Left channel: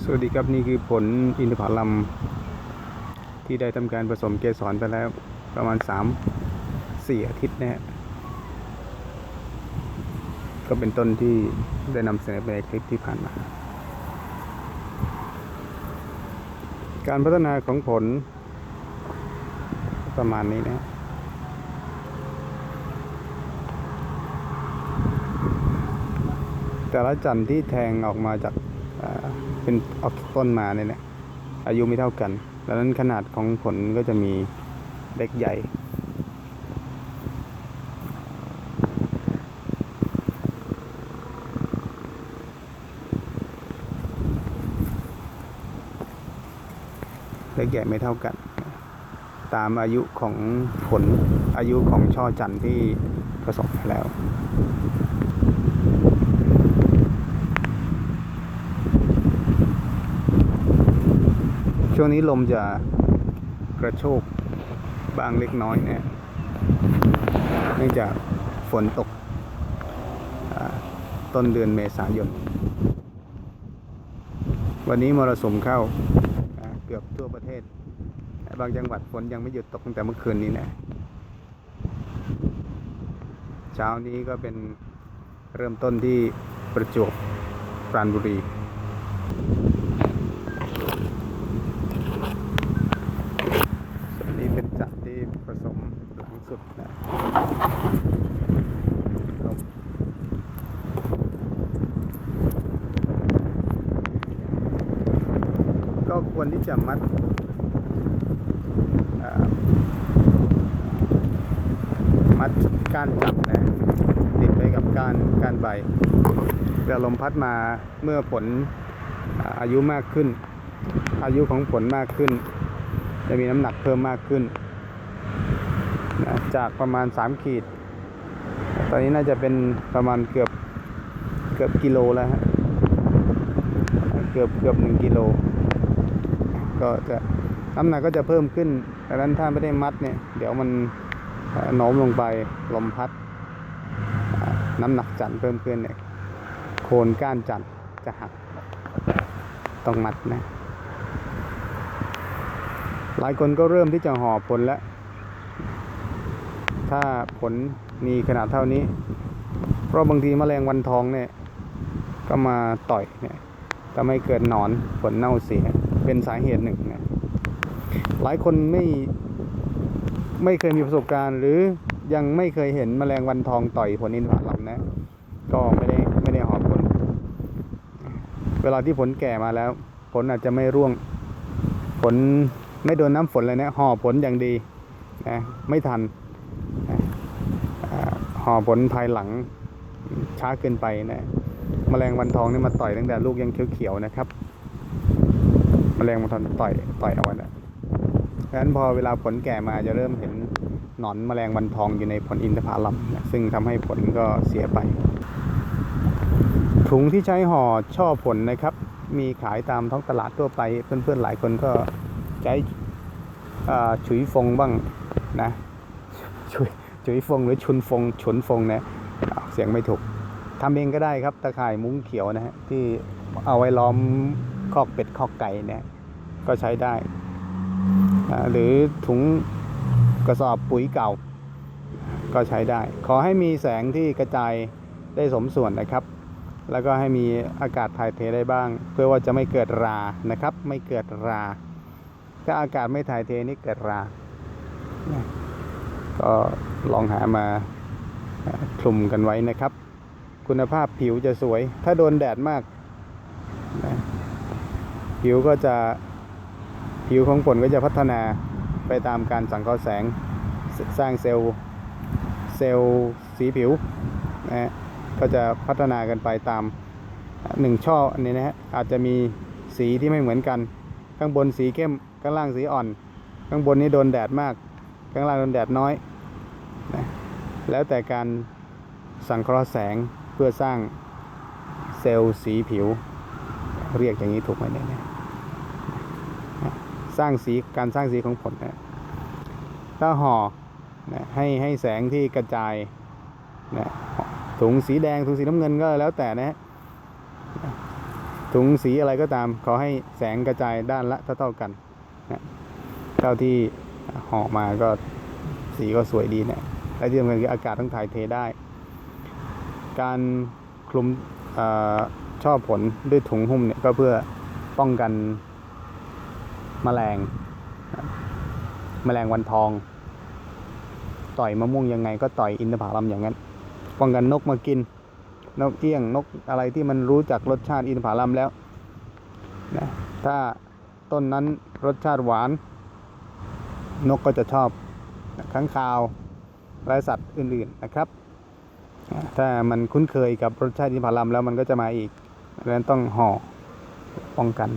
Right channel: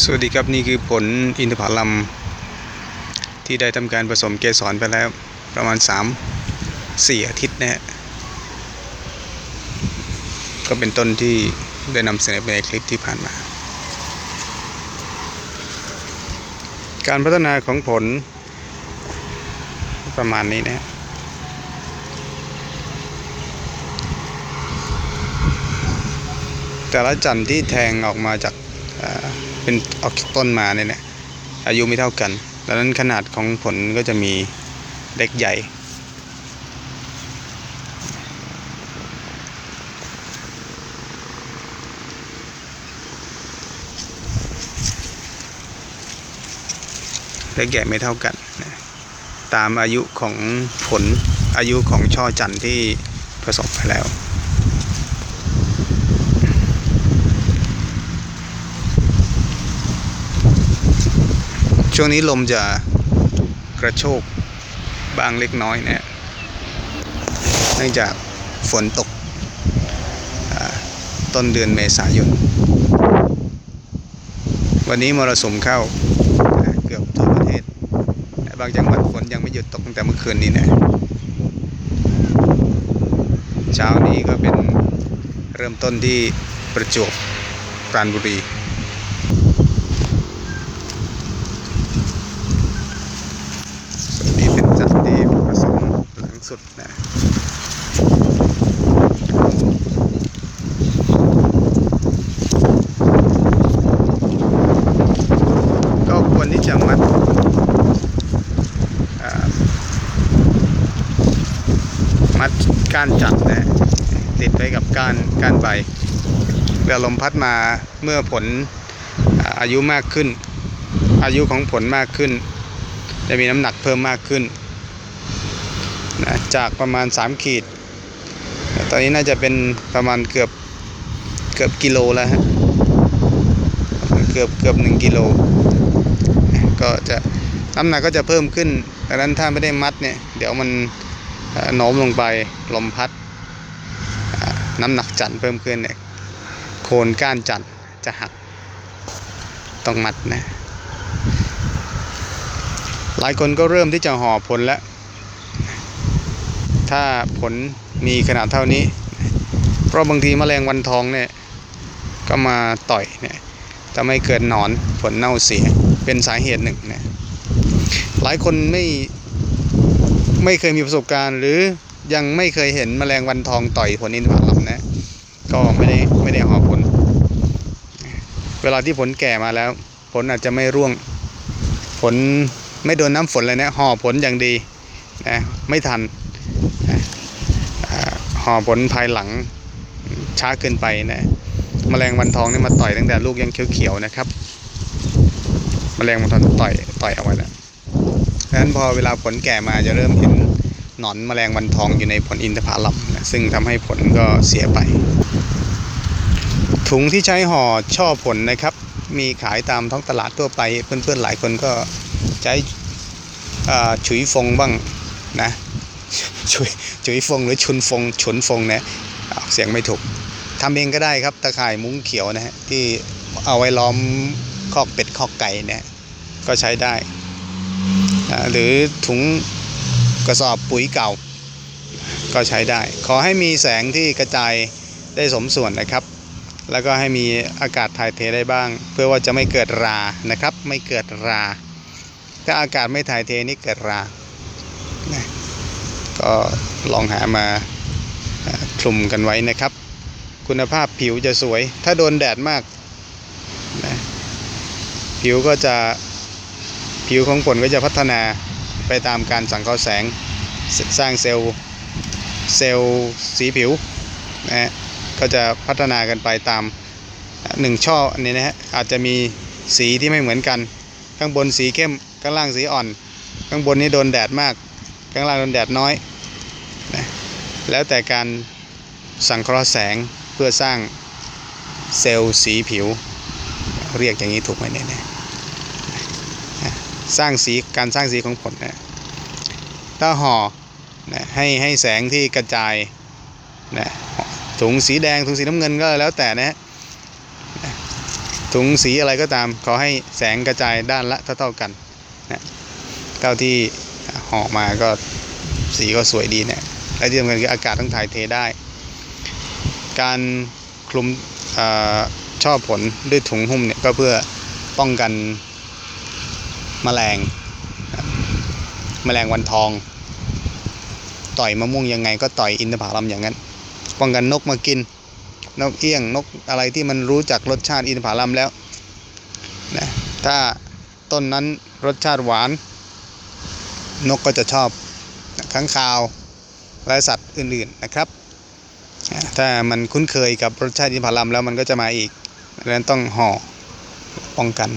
สวัสดีครับนี่คือผลอินทผลัมที่ได้ทำการผสมเกสรไปแล้วประมาณ 3 4 อาทิตย์นะฮะก็เป็นต้นที่ได้นำเสนอไปในคลิปที่ผ่านมา การพัฒนาของผลประมาณนี้นะฮะแต่ละจันที่แทงออกมาจาก เป็นออกจาต้นมาเนี่ยนะอายุไม่เท่ากัน ดังนั้นขนาดของผลก็จะมีเล็กใหญ่ เล็กใหญ่ไม่เท่ากัน ตามอายุของผลอายุของช่อจันทร์ที่ผสมไปแล้ว ช่วงนี้ลมจะกระโชกบางเล็กน้อยนะเนื่องจากฝนตกต้นเดือนเมษายน วันนี้มรสุมเข้าเกือบทั่วประเทศแต่บางจังหวัดฝนยังไม่หยุดตกตั้งแต่เมื่อคืนนี้นะ เช้านี้ก็เป็นเริ่มต้นที่ประจวบปราณบุรี นี่เป็นจัดที่ผสมหลัง สุดนะก็ควรที่จะมัดมัดก้านจับนะติดไว้กับก้านก้านใบเวลาลมพัดมาเมื่อผลอายุมากขึ้น อายุของผลมากขึ้น จะมีน้ำหนักเพิ่มมากขึ้น นะจากประมาณ 3 ขีด ตอนนี้น่าจะเป็นประมาณเกือบเกือบกิโลแล้วฮะเกือบเกือบ1กิโลก็จะน้ำหนักก็จะเพิ่มขึ้นดังนั้นถ้าไม่ได้มัดเนี่ย เดี๋ยวมันโน้มลงไปลมพัด น้ำหนักจันทร์เพิ่มขึ้นเนี่ยโคนก้านจันทร์จะหักต้องมัดนะ หลายคนก็เริ่มที่จะห่อผลแล้ว ถ้าผลมีขนาดเท่านี้ เพราะบางทีแมลงวันทองเนี่ยก็มาต่อยเนี่ยทำให้เกิดหนอนผลเน่าเสียเป็นสาเหตุหนึ่งนะหลายคนไม่ไม่เคยมีประสบการณ์ หรือยังไม่เคยเห็นแมลงวันทองต่อยผลอินทผลัมนะก็ไม่ได้ไม่ได้หอผล เวลาที่ผลแก่มาแล้ว ผลอาจจะไม่ร่วง ผลไม่โดนน้ำฝนเลยนะห่อผลอย่างดีนะไม่ทัน ห่อผลภายหลังช้าเกินไปนะแมลงวันทองนี่มาต่อยตั้งแต่ลูกยังเขียวๆนะครับแมลงวันทองต่อยต่อยเอาไว้แล้วดังนั้นพอเวลาผลแก่มาจะเริ่มเห็นหนอนแมลงวันทองอยู่ในผลอินทผลัมนะซึ่งทำให้ผลก็เสียไป ถุงที่ใช้ห่อช่อผลนะครับ มีขายตามท้องตลาดทั่วไป เพื่อนๆหลายคนก็ใช้ฉุยฟงบ้างนะ ฉุยฉุยฟงหรือชุนฟงฉุนฟงนี่ยออกเสียงไม่ถูกทำเองก็ได้ครับตะข่ายมุ้งเขียวนะฮะที่เอาไว้ล้อมคอกเป็ดคอกไก่เนี่ยก็ใช้ได้ หรือถุงกระสอบปุ๋ยเก่า ก็ใช้ได้ ขอให้มีแสงที่กระจายได้สมส่วนนะครับ แล้วก็ให้มีอากาศถ่ายเทได้บ้าง เพื่อว่าจะไม่เกิดรานะครับ ไม่เกิดรา ถ้าอากาศไม่ถ่ายเทนี่เกิดรา ก็ลองหามาคลุมกันไว้นะครับ คุณภาพผิวจะสวย ถ้าโดนแดดมากนะผิวก็จะผิวของผลก็จะพัฒนาไปตามการสังเคราะห์แสงสร้างเซลล์เซลล์สีผิวนะฮะก็จะพัฒนากันไปตามหนึ่งช่ออันนี้นะฮะอาจจะมีสีที่ไม่เหมือนกัน ข้างบนสีเข้มข้างล่างสีอ่อน ข้างบนนี้โดนแดดมาก ข้างล่างโดนแดดน้อยนะแล้วแต่การสังเคราะห์แสงเพื่อสร้างเซลล์สีผิว เรียกอย่างนี้ถูกไหมเนี่ยนะสร้างสีการสร้างสีของผลนะถ้าห่อนะให้ให้แสงที่กระจายนะถุงสีแดงถุงสีน้ำเงินก็แล้วแต่นะฮะถุงสีอะไรก็ตามขอให้แสงกระจายด้านละเท่าๆกันนะเท่าที่ ห่อมาก็สีก็สวยดีเนี่ยและที่สำคัญคืออากาศต้องถ่ายเทได้ การคลุมอช่อผลด้วยถุงหุ้มเนี่ยก็เพื่อป้องกันแมลงนะครับแมลงวันทอง ต่อยมะม่วงยังไงก็ต่อยอินทผลัมอย่างนั้น ป้องกันนกมากิน นกเอี้ยงนกอะไรที่มันรู้จักรสชาติอินทผลัมแล้วนะถ้าต้นนั้นรสชาติหวาน นกก็จะชอบข้างคาวและสัตว์อื่นๆนะครับ ถ้ามันคุ้นเคยกับรสชาติอินทผลัมแล้วมันก็จะมาอีกดังนั้นต้องห่อป้องกัน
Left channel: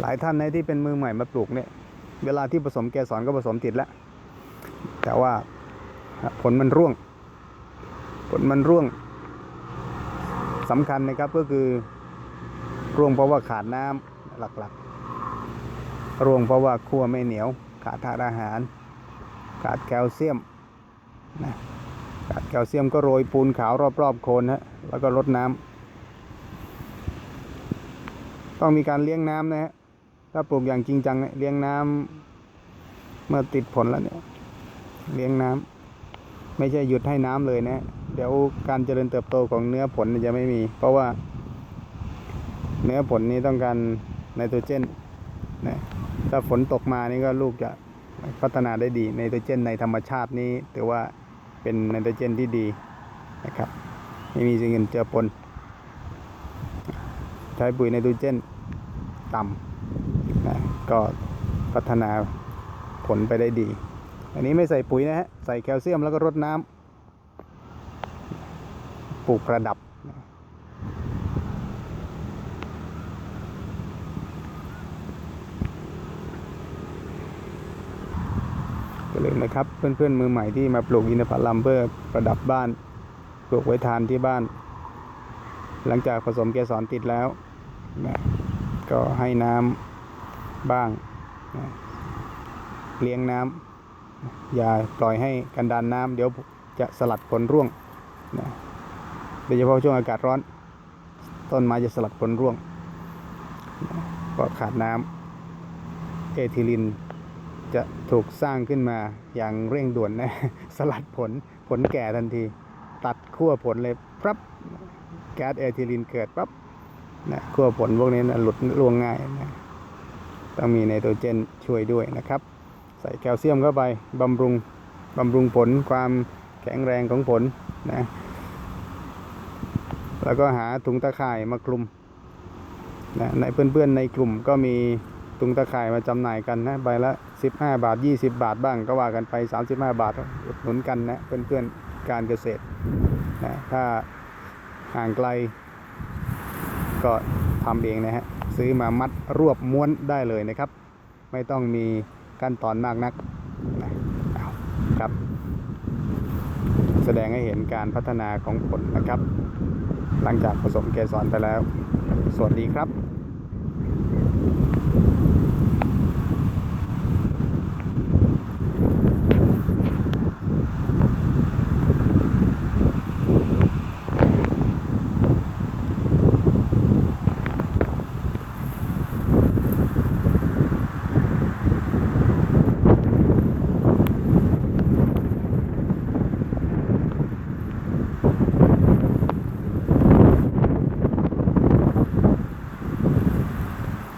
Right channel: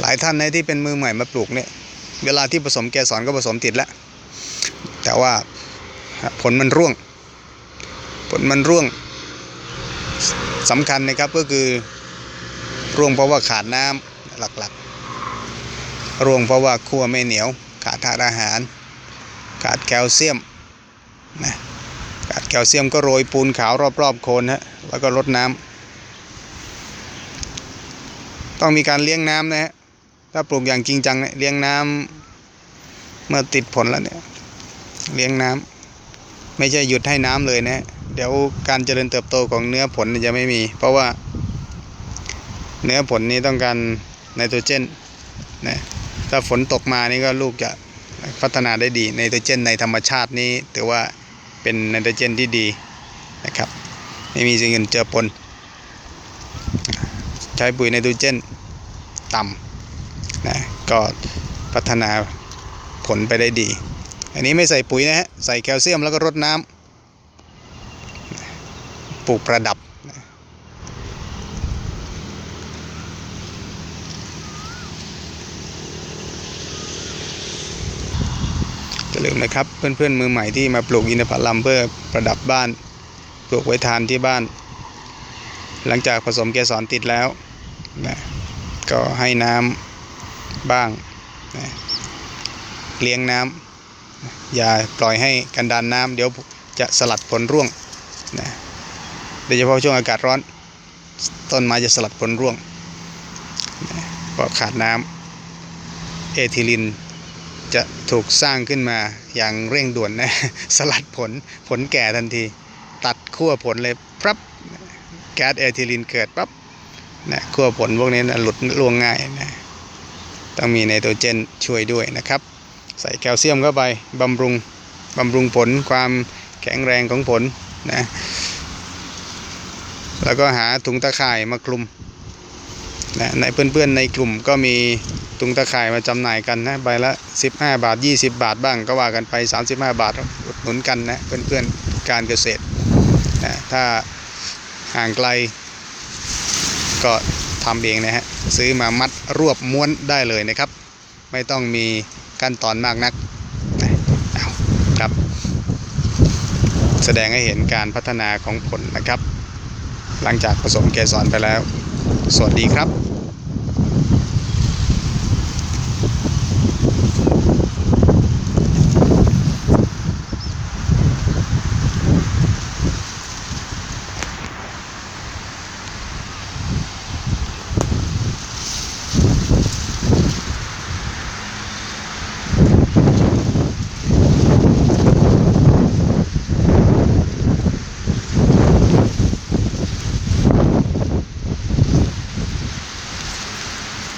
หลายท่านนะที่เป็นมือใหม่มาปลูกเนี่ยเวลาที่ผสมแกสอนก็ผสมติดแล้ว แต่ว่าผลมันร่วง ผลมันร่วงสำคัญนะครับก็คือร่วงเพราะว่าขาดน้ำหลักๆ ร่วงเพราะว่าคั่วไม่เหนียว ขาดธาตุอาหาร ขาดแคลเซียมนะขาดแคลเซียมก็โรยปูนขาวรอบๆโคนฮะแล้วก็รดน้ำต้องมีการเลี้ยงน้ำนะฮะถ้าปลูกอย่างจริงจังเนี่ยเลี้ยงน้ำเมื่อติดผลแล้วเนี่ยเลี้ยงน้ำไม่ใช่หยุดให้น้ำเลยนะ เดี๋ยวการเจริญเติบโตของเนื้อผลจะไม่มี เพราะว่า เนื้อผลนี้ต้องการไนโตรเจนนะถ้าฝนตกมานี่ก็ลูกจะพัฒนาได้ดีไนโตรเจนในธรรมชาตินี้ถือว่าเป็นไนโตรเจนที่ดีนะครับไม่มีสิ่งอื่นเจือปน ใช้ปุ๋ยไนโตรเจนต่ำนะก็พัฒนาผลไปได้ดี อันนี้ไม่ใส่ปุ๋ยนะฮะใส่แคลเซียมแล้วก็รดน้ำ ปลูกประดับนะอย่าลืมนะครับเพื่อนๆมือใหม่ที่มาปลูกอินทผลัมเพื่อประดับบ้าน ปลูกไว้ทานที่บ้าน หลังจากผสมเกสรติดแล้วนะก็ให้น้ำบ้างนะเลี้ยงน้ำอย่าปล่อยให้กันดานน้ำเดี๋ยวจะสลัดผลร่วงนะ โดยเฉพาะช่วงอากาศร้อน ต้นไม้จะสลัดผลร่วงนะเพราะขาดน้ำเอทิลินจะถูกสร้างขึ้นมาอย่างเร่งด่วนนะ สลัดผลผลแก่ทันที ตัดขั้วผลเลยปั๊บแก๊สเอทิลินเกิดปั๊บนะขั้วผลพวกนี้นะหลุดร่วงง่ายนะต้องมีไนโตรเจนช่วยด้วยนะครับ ใส่แคลเซียมเข้าไปบำรุงบำรุงผลความแข็งแรงของผลนะ แล้วก็หาถุงตะข่ายมาคลุมนะในเพื่อนๆในกลุ่มก็มีถุงตะข่ายมาจำหน่ายกันนะใบละ 15 บาท 20 บาทบ้างก็ว่ากันไป 35 บาทอุดหนุนกันนะเพื่อนๆการเกษตรนะถ้าห่างไกลก็ทำเองนะฮะซื้อมามัดรวบม้วนได้เลยนะครับ ไม่ต้องมีขั้นตอนมากนักนะครับ แสดงให้เห็นการพัฒนาของผลนะครับ หลังจากผสมเกสรไปแล้ว สวัสดีครับ